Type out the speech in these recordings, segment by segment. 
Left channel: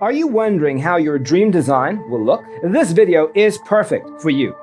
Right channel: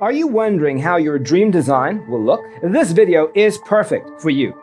Are you wondering how your dream design will look? This video is perfect for you.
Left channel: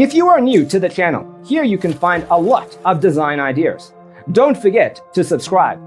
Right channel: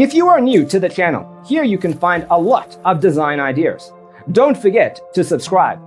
If you are new to the channel, here you can find a lot of design ideas. Don't forget to subscribe.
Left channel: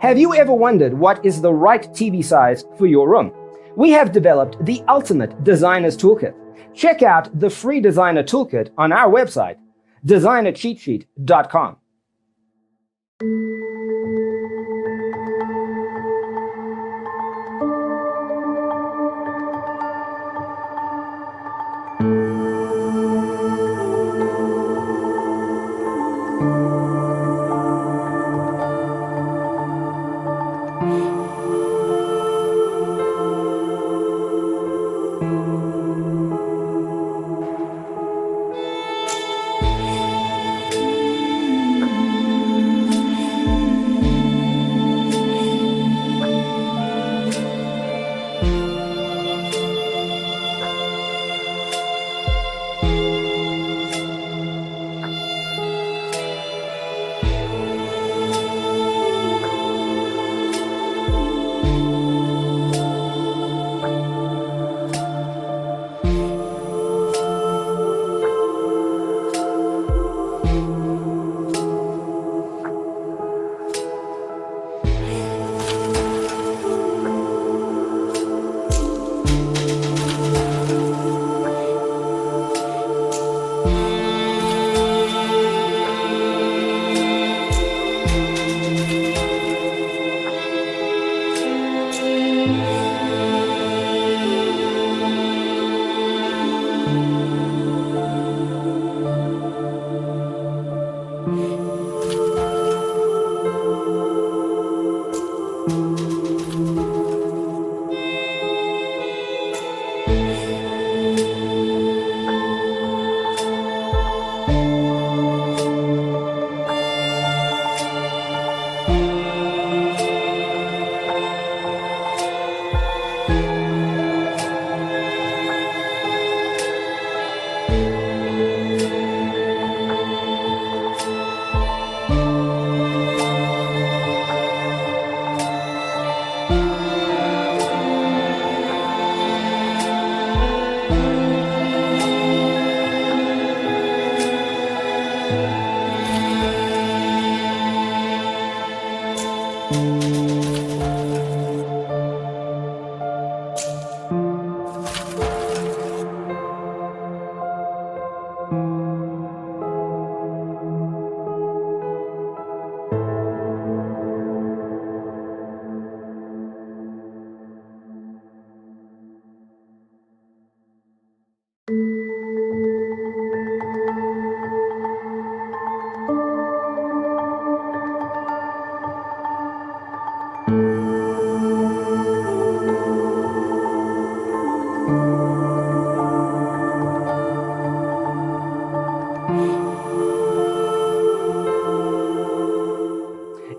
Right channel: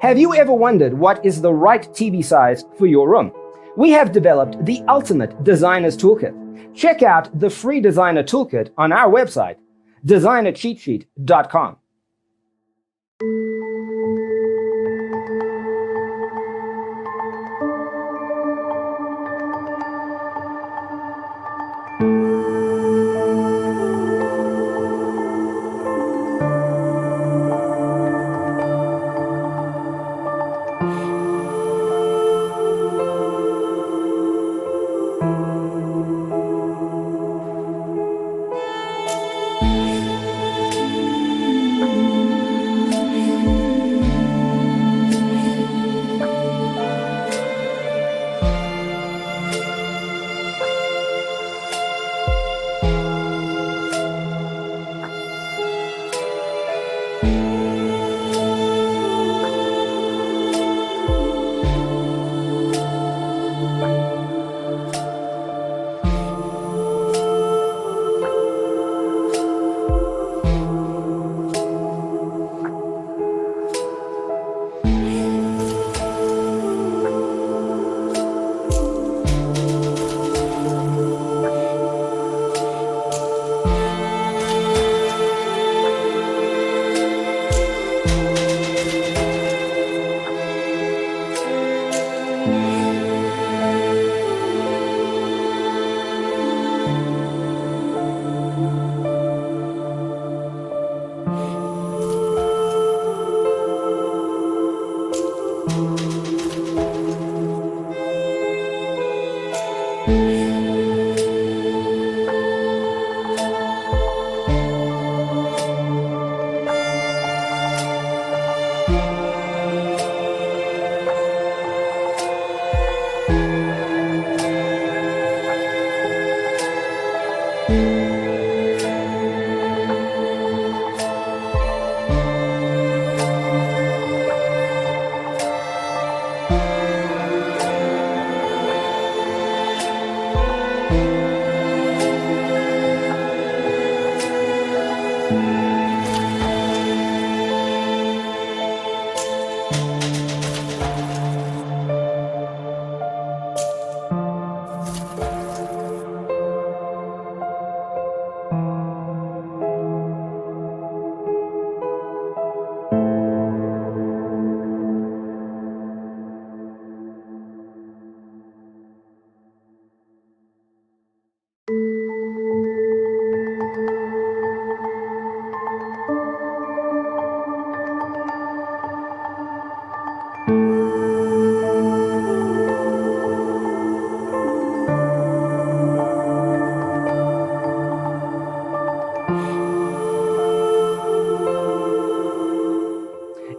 Have you ever wondered what is the right TV size for your room? We have developed the ultimate designer's toolkit. Check out the free designer toolkit on our website, designercheatsheet.com.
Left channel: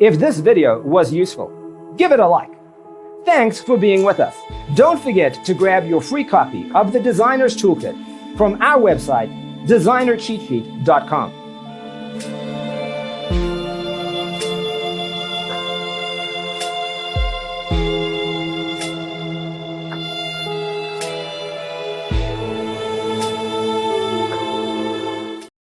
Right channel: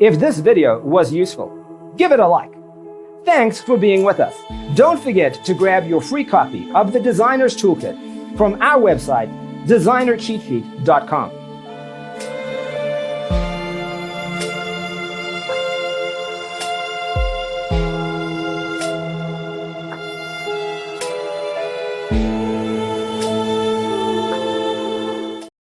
If this video was useful, give it a like. Thanks for being with us. Don't forget to grab your free copy of the Designer's Toolkit from our website, designercheatsheet.com.